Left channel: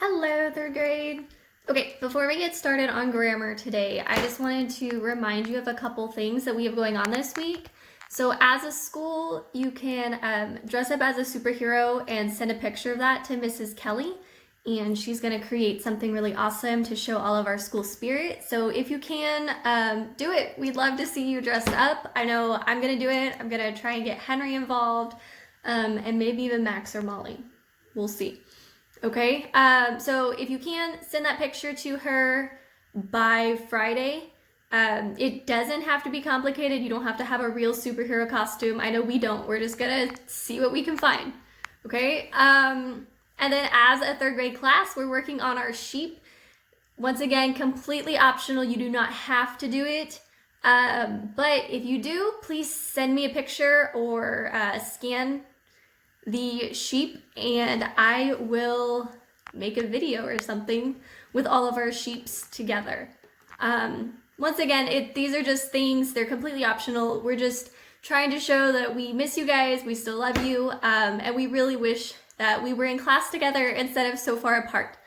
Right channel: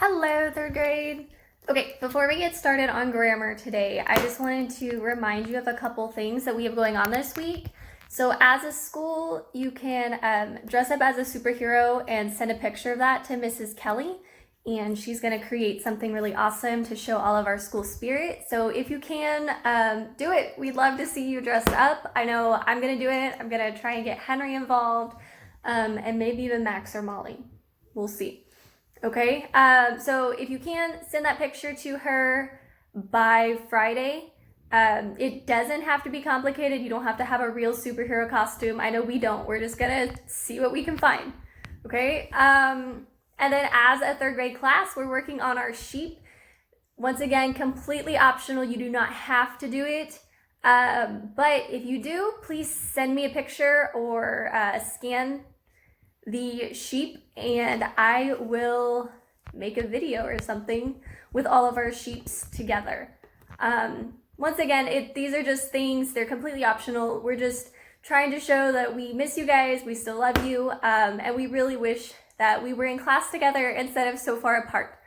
Hello, third grade. Okay, before we get started on grammar today, I just wanted to remind you of a couple things that we have going on this week. So as a school, you can dress up as a superhero and send a picture of that to Mrs. Kelly, and she's going to create something really awesome to show all of our school spirit. So if you can, do it. We'd love to see you dressed up. I know I'm going to do it. I'm going to try and get Henry involved, and maybe even Max or Molly. We'll see. Okay, so if you can, send that picture to her by Friday. It doesn't have to be complicated. You don't have to have a real superhero costume. I know we don't. We're just gonna see what we can find. Okay, and then as a third grade class, we're working on our sheep. Once again, completely optional. You do not have to do it. But if you do, please send me a picture or scan the sheep and I will make a video or something with all of our sheeps together. Once again, these are just things, they're completely optional. We're just trying to show that we miss you guys, we still love you, and we really wish that we were in class together instead of so far apart.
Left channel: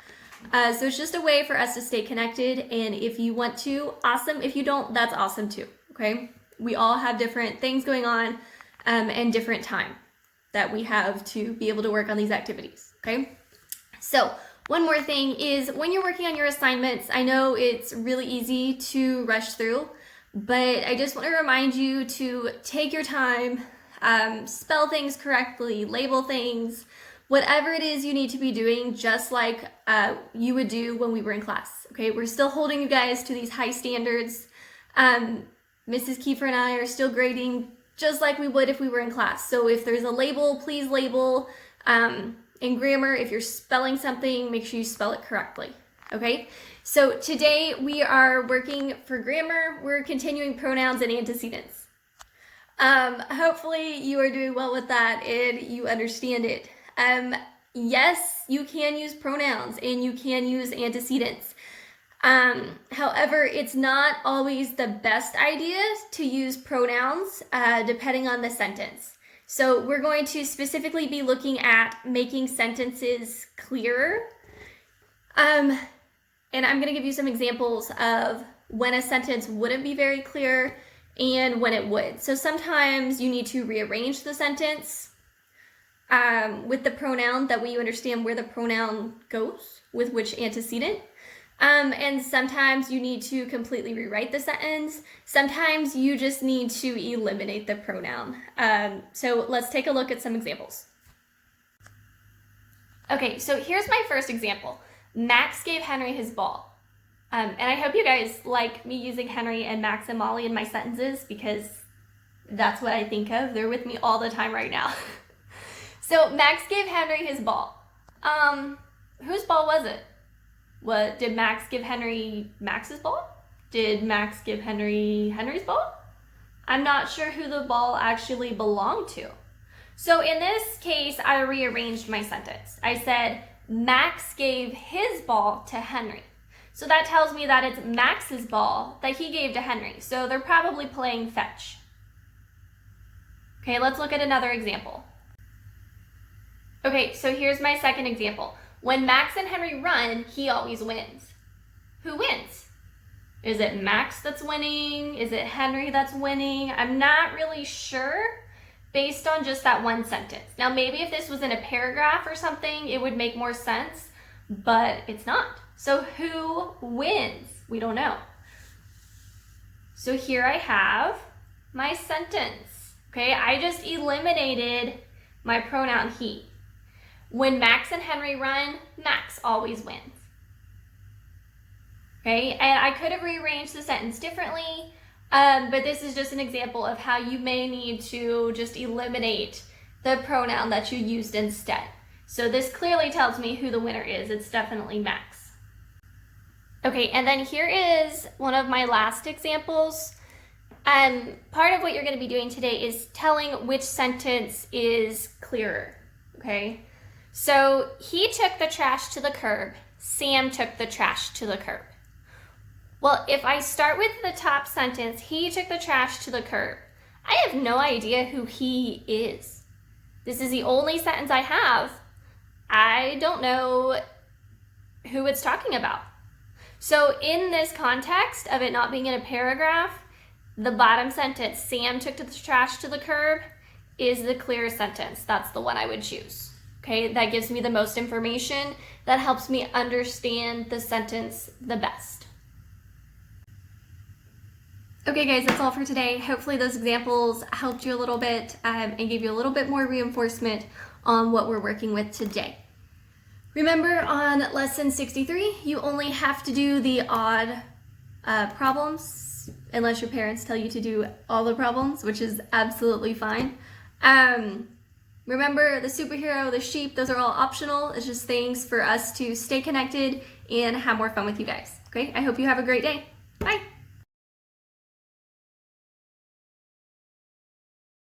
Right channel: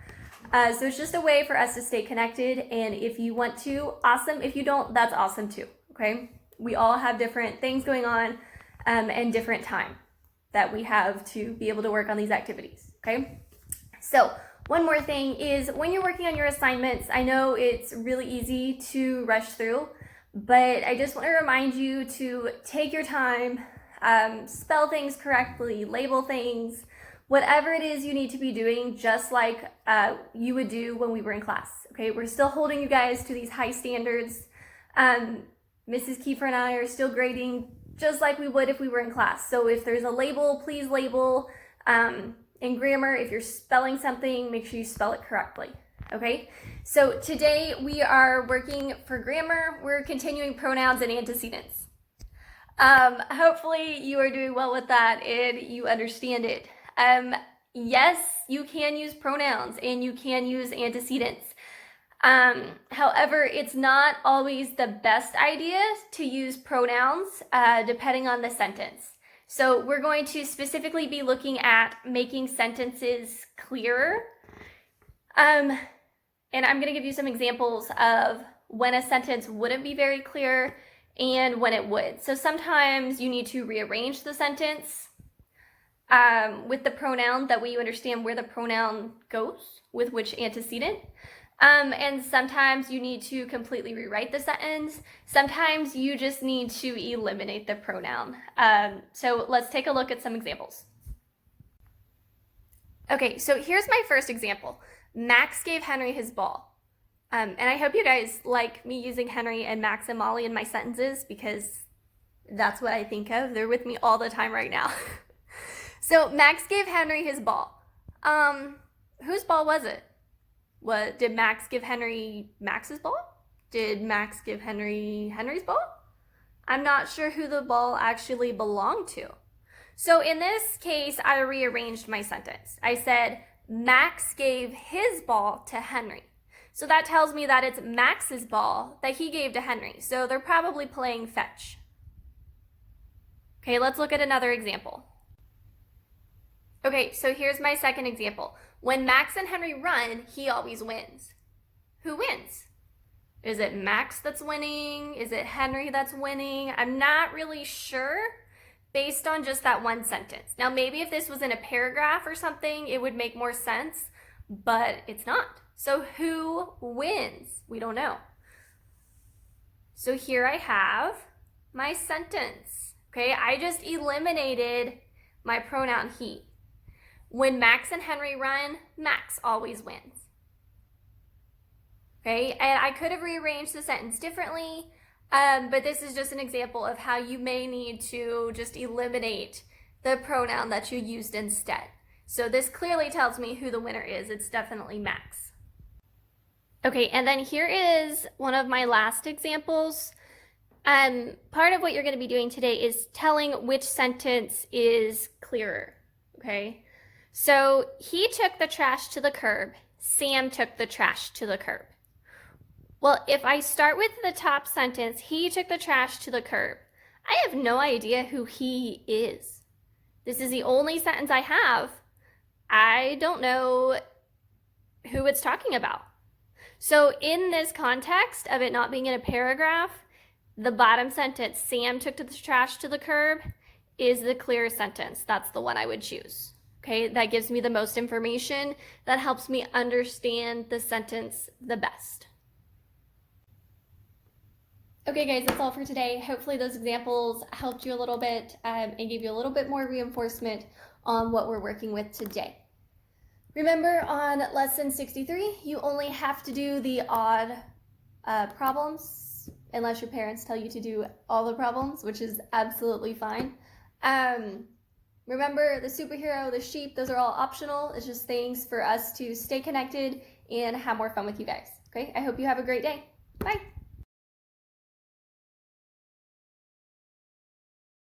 So it's just a way for us to stay connected, and if you want to, awesome. If you don't, that's awesome too, okay? We all have different things going on and different time that we have to be able to work on these activities, okay? So one more thing is when you're working on your assignments, I know it's really easy to rush through, but I just want to remind you to take your time, spell things correctly, label things, whatever it is you need to be doing, just like you would do when we were in class, okay? We're still holding you guys to these high standards. Mrs. Kiefer and I are still grading just like we would if we were in class. So if there's a label, please label. In grammar, if you're spelling something, make sure you spell it correctly, okay? So today we are working for grammar. We're continuing pronouns and antecedents. Hopefully you are doing well with that and you understand it. Yes, you can use pronouns and you can use antecedents. However, it's not always the best idea to use pronouns depending on the sentence. So we're going to specifically be looking at making sentences clearer. And I'm going to give you some examples of when a sentence wouldn't be very clear and when it would. So sometimes you need to rearrange the sentence with the pronoun, that way you understand where the pronoun goes with which antecedent. And sometimes you need to completely rewrite the sentence. Sometimes you just need to eliminate the pronoun. So let's take a look at some examples. Okay, so here's my first example. Max gave Henry his ball. And I hope you guys like me using Henry and Max and Molly in my sentences because that's what I think of. They're with me all the time right now. So Max gave Henry his ball. Whose ball was it? Did Max give Henry Max's ball? Did Max give Henry Henry's ball? I'm not sure who the ball actually belonged to. So in this case, I rearranged my sentence. I said, Max gave his ball to Henry. So that tells me that it's Max's ball that he gave to Henry. So they're probably playing fetch. Okay, let's look at another example. Okay, so here's my second example. When Max and Henry run, he always wins. Who wins? Is it Max that's winning? Is it Henry that's winning? I'm not really sure based on just that one sentence. Now, maybe if this was in a paragraph or something, it would make more sense, but it's not. So who wins? We don't know. So here I have my sentence. Okay, I just eliminated my pronoun he. When Max and Henry run, Max always wins. Okay, and I could have rearranged the sentence differently, but this is just an example of how you may need to just eliminate the pronoun that you used instead. So this clearly tells me who the winner is. It's definitely Max. Okay, and then here is one of my last examples. Part of what you're going to be doing today is telling which sentence is clearer, okay? So he took the trash to the curb. Sam took the trash to the curb. Well, if I start with the top sentence, he took the trash to the curb, I have no idea who he is. This is the only sentence I have. I don't know who it's talking about. So in this context of it not being in a paragraph, the bottom sentence, Sam took the trash to the curb, is the clearest sentence. That's the one I would choose. Okay, that gives me the most information. That helps me understand the sentence the best. Okay guys, that's all for today. Hopefully those examples helped you a little bit and gave you a little bit more reinforcement on what we're working with today. Remember, on lesson 63, you only have to do the odd problems, unless your parents tell you to do all the problems, which is absolutely fine. Remember, the superhero, the sheep, those are all optional. It's just things for us to stay connected and have more fun with you guys. Okay, I hope you have a great day. Bye.